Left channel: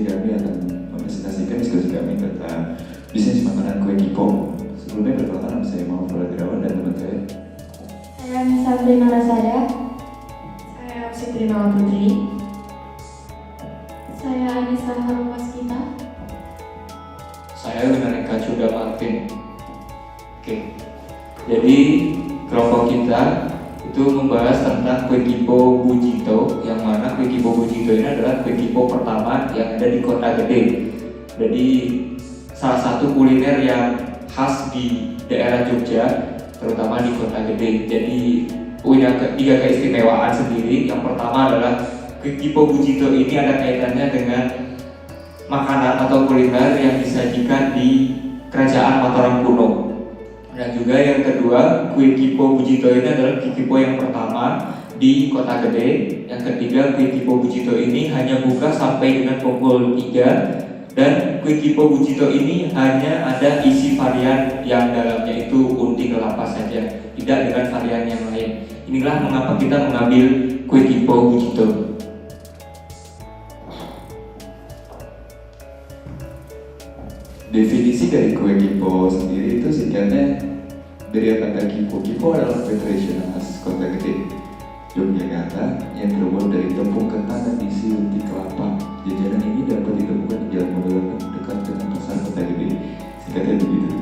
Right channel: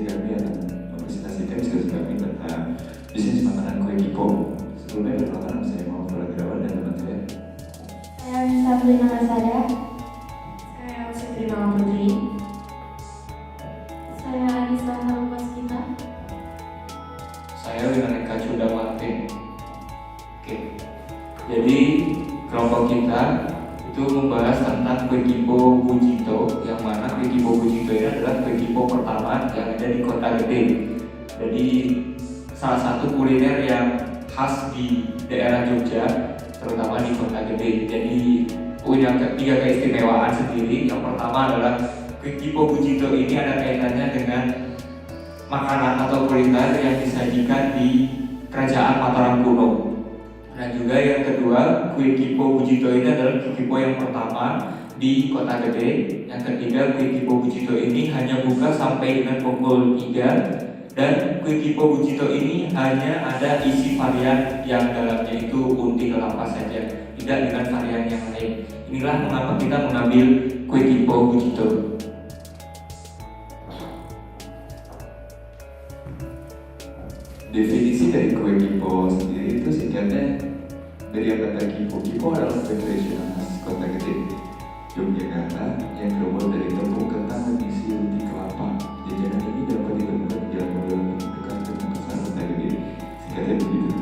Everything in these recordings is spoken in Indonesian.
sini kami akan mempresentasikan diskusi kami tentang bisnis makanan kue Kipo. Sebelumnya perkenalkan, saya Muhammad Fadirawan dan teman saya. Saya Sabrina Rasaya. Saya Siti Mama Putri. Saya Anissa Harmaskita. Saya dengan Eka Cunda Martin. Oke. Jadi kelompok kita itu membahas tentang kue Kipo Bujito, yang mana kue Kipo Bujito ini adalah kue Kipo pertama yang ada di Kota Gede. Jadi salah satu kuliner yang khas di daerah Jogja, terutama di Kota Gede. Jadi punya tiga keistimewaan sendiri. Yang pertama adalah kue Kipo Bujito ini ada kaitannya dengan makanan atau kuliner yang disajikan di Kerajaan Mataram kuno. Dan juga yang kedua, kue Kipo Bujito ini adalah kue Kipo yang pertama di Kota Gede. Yang ketiga, kue Kipo Bujito ini hanya buka sampai dengan pukul 3. Dan kue Kipo Bujito ini hanya ada isi varian yang dalamnya itu unti kelapa saja, tidak dengan varian yang lain. Inilah mengapa kita mengambil kue Kipo Bujito. Definisi dari kue Kipo sendiri itu singkatnya dari kata Kipo. Kipo adalah kue tradisional khas Kota Gede, Yogyakarta yang terbuat dari tepung ketan dan isi unti kelapa. Jajanan ini dapat ditemukan di jalan model dekat dengan pasar Kota Gede. Singkatnya begitu.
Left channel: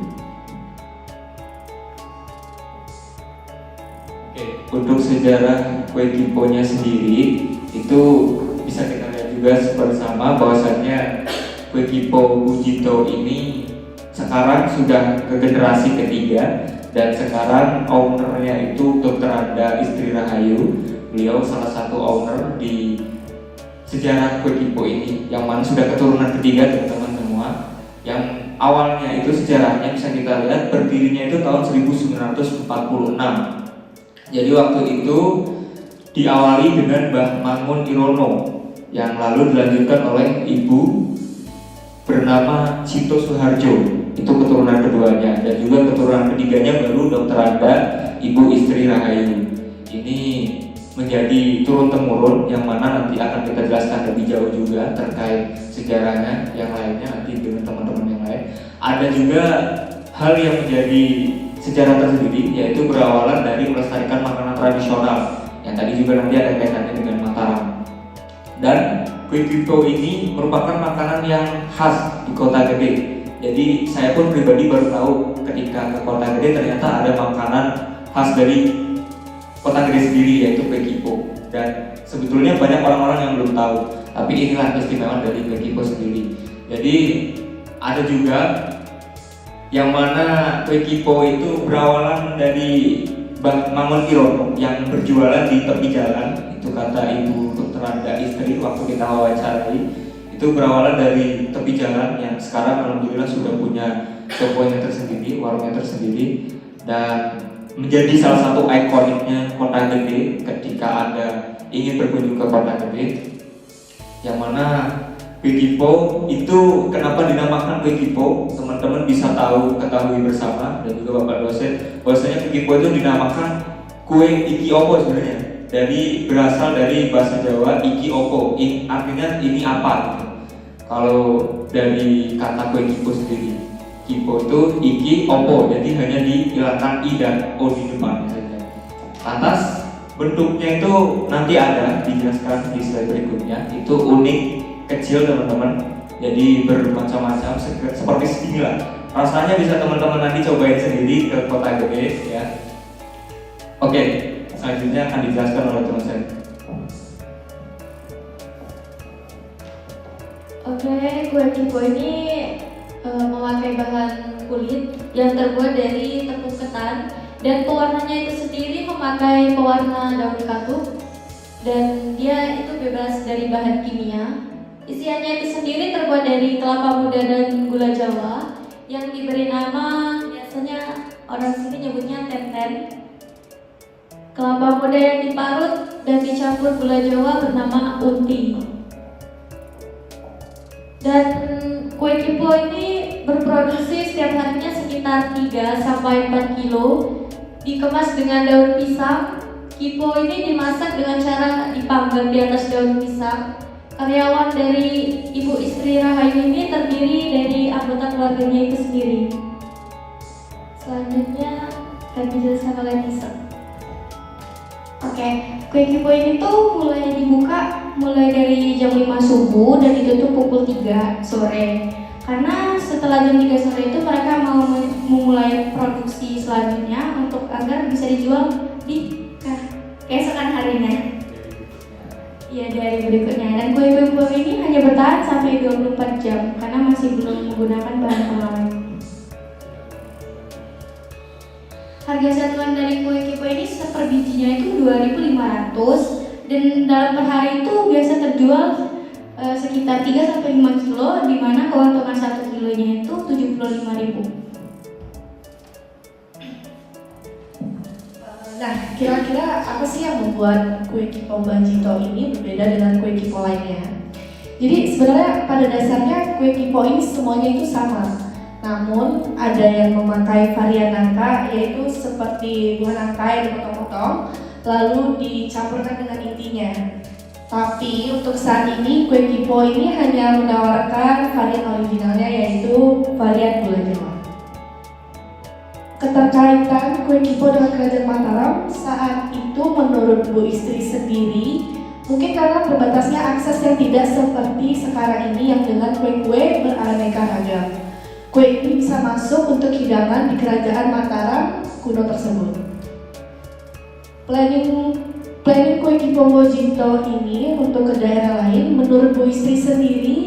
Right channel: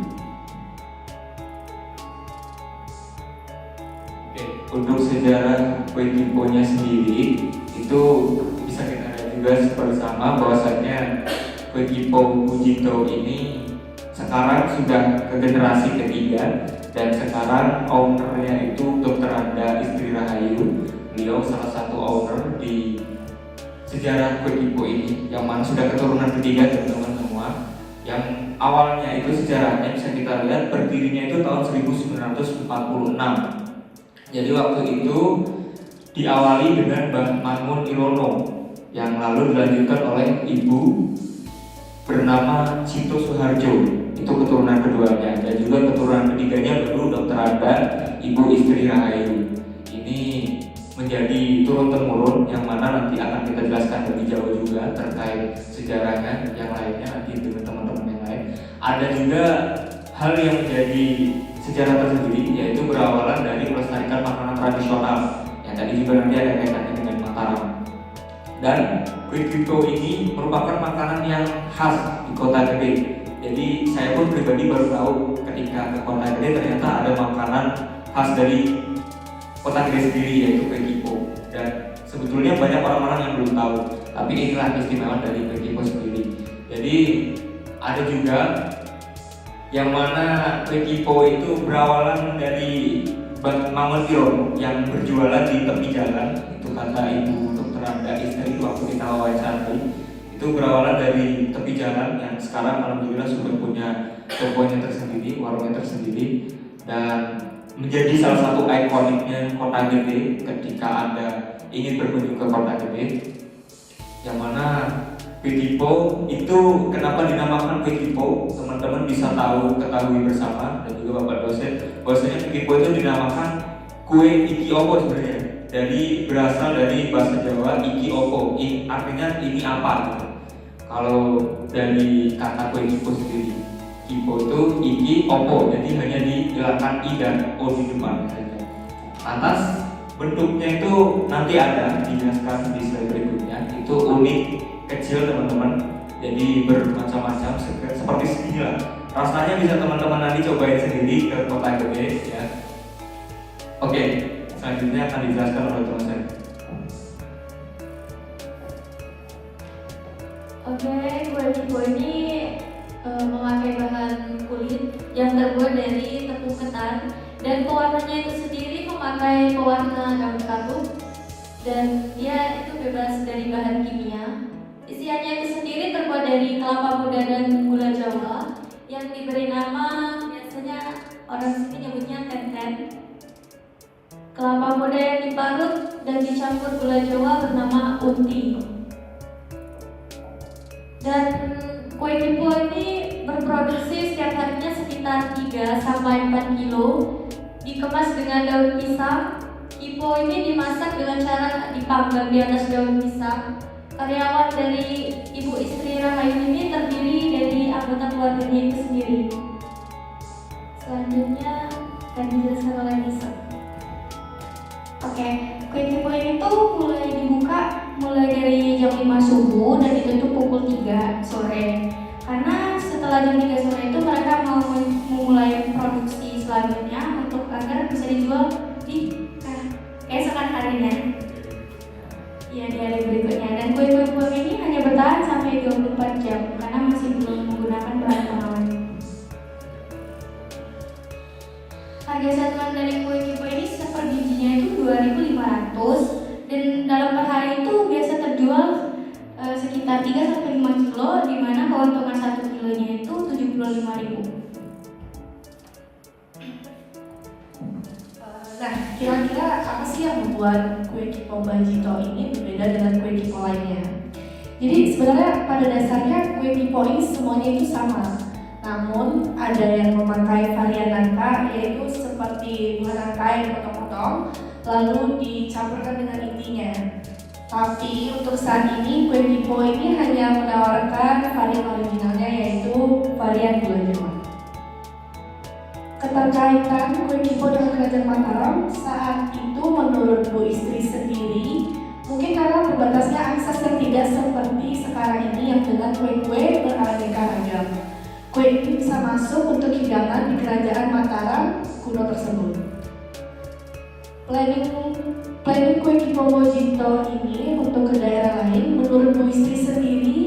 Oke, untuk sejarah kue Kipo-nya sendiri itu bisa kita lihat juga bersama bahwasanya kue Kipo Bujito ini sekarang sudah ke generasi ketiga, dan sekarang ownernya itu Dr. Anda Istri Rahayu. Beliau salah satu owner di sejarah kue Kipo ini, yang mana sudah keturunan ketiga teman-teman semua. Yang awalnya itu sejarahnya bisa kita lihat berdirinya itu tahun 1946. Jadi waktu itu diawali dengan Mbah Mangun Irono, yang lalu dilanjutkan oleh ibu bernama Cito Suharjo, itu keturunan keduanya, dan juga keturunan ketiganya baru Dr. Anda Ibu Istri Rahayu. Ini menjadi turun temurun, yang mana nanti akan kita jelaskan lebih jauh juga terkait sejarahnya yang lainnya nanti dengan teman-teman yang lain. Ada juga hal yang menjadi sejarah tersendiri, yaitu berawalan dari melestarikan makanan tradisional yang tadi juga nanti ada kaitannya dengan Mataram. Dan kue Kipo ini merupakan makanan yang khas di Kota Gede. Jadi saya pun pribadi baru tahu ketika ke Kota Gede ternyata ada makanan khas dari Kota Gede sendiri, yaitu kue Kipo. Dan sebetulnya banyak orang-orang yang belum tahu, tapi inilah keistimewaan dari kue Kipo sendiri. Jadi ada juga yang mana kue Kipo itu berawalan dari Mbah Mangun Irono yang berjualan di tepi jalan. Itu kata Ibu Dr. Anda Istri waktu kita wawancarai. Itu berawalan dari tepi jalan yang sekarang alhamdulillah sudah punya tokonya tersendiri, warungnya tersendiri, dan menjadi salah satu ikoniknya Kota Gede ketika Anda ingin berkunjung ke Kota Gede. Yang mana kue Kipo itu kenapa dinamakan kue Kipo, teman-teman bisa ketahui bersama, dan juga Bapak dosen, bahwasanya kue Kipo itu dinamakan kue iki opo sebenarnya. Berasal dari bahasa Jawa iki opo, artinya ini apa gitu. Kalau dari kata kue Kipo sendiri, Kipo itu iki opo, jadi hanya dihilangkan i dan o di depan saja. Atas bentuknya itu nanti ada dijelaskan di slide berikutnya. Itu unik, kecil teman-teman, jadi bermacam-macam seperti segini lah. Rasanya bisa teman-teman nanti cobain sendiri ke Kota Gede ya. Oke, selanjutnya akan dijelaskan oleh teman saya. Oke, kue Kipo ini memakai bahan kulit yang terbuat dari tepung ketan, dan pewarnanya itu sendiri memakai pewarna daun katuk, dan dia itu bebas dari bahan kimia. Isiannya itu sendiri terbuat dari kelapa muda dan gula Jawa yang diberi nama, biasanya orang sini nyebutnya tenten. Kelapa muda yang diparut dan dicampur gula Jawa bernama unti. Dan kue Kipo ini berproduksi setiap harinya sekitar 3-4 kilo, dikemas dengan daun pisang. Kipo ini dimasak dengan cara dipanggang di atas daun pisang. Karyawan dari Ibu Istri istri Rahayu ini terdiri dari anggota keluarganya itu sendiri. Selanjutnya akan dijelaskan oleh Nisa. Oke, kue kipo ini tuh mulai dibuka mulai dari jam 5 subuh dan ditutup pukul 3 sore. Karena setelah jam 3 sore itu mereka mau memulai produksi selanjutnya untuk agar bisa dijual di keesokan harinya. Ya, di hari berikutnya. Dan kue kipo ini hanya bertahan sampai 24 jam karena masih belum menggunakan bahan pengawet. Harga satuan dari kue kipo ini per bijinya itu 2.500 dan dalam per hari itu biasa terjual sekitar 3-5 kilo, di mana keuntungan 1 kilonya itu 75.000. Nah, kira-kira apa sih yang membuat kue kipo Bajito ini berbeda dengan kue kipo lainnya? Jadi sebenarnya pada dasarnya kue kipo ini semuanya itu sama. Namun ada yang memakai varian nangka, yaitu seperti buah nangka yang dipotong-potong lalu dicampurkan dengan intinya. Tapi untuk saat ini kue kipo ini hanya menawarkan varian originalnya, yaitu varian gula Jawa. Keterkaitan kue kipo dengan Kerajaan Mataram saat itu menurut Bu Istri sendiri mungkin karena terbatasnya akses yang tidak seperti sekarang ini yang dengan kue-kue beraneka ragam. Kue ini bisa masuk untuk hidangan di Kerajaan Mataram kuno tersebut. Planning kue kipo Bajito ini untuk ke daerah lain menurut Bu Istri sendiri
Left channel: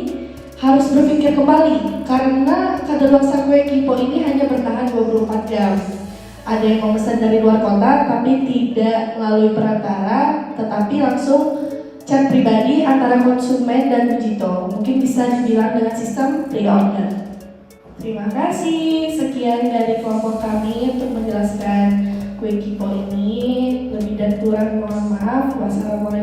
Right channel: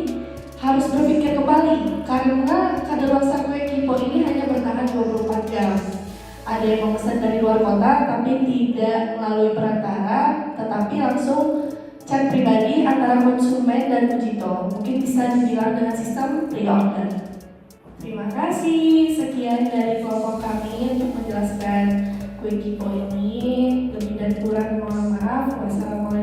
harus berpikir kembali karena kadaluarsa kue kipo ini hanya bertahan 24 jam. Ada yang memesan dari luar kota tapi tidak melalui perantara, tetapi langsung chat pribadi antara konsumen dan Bajito. Mungkin bisa dibilang dengan sistem pre-order. Terima kasih, sekian dari kelompok kami untuk menjelaskan kue kipo ini. Lebih dan kurang mohon maaf. Wassalamualaikum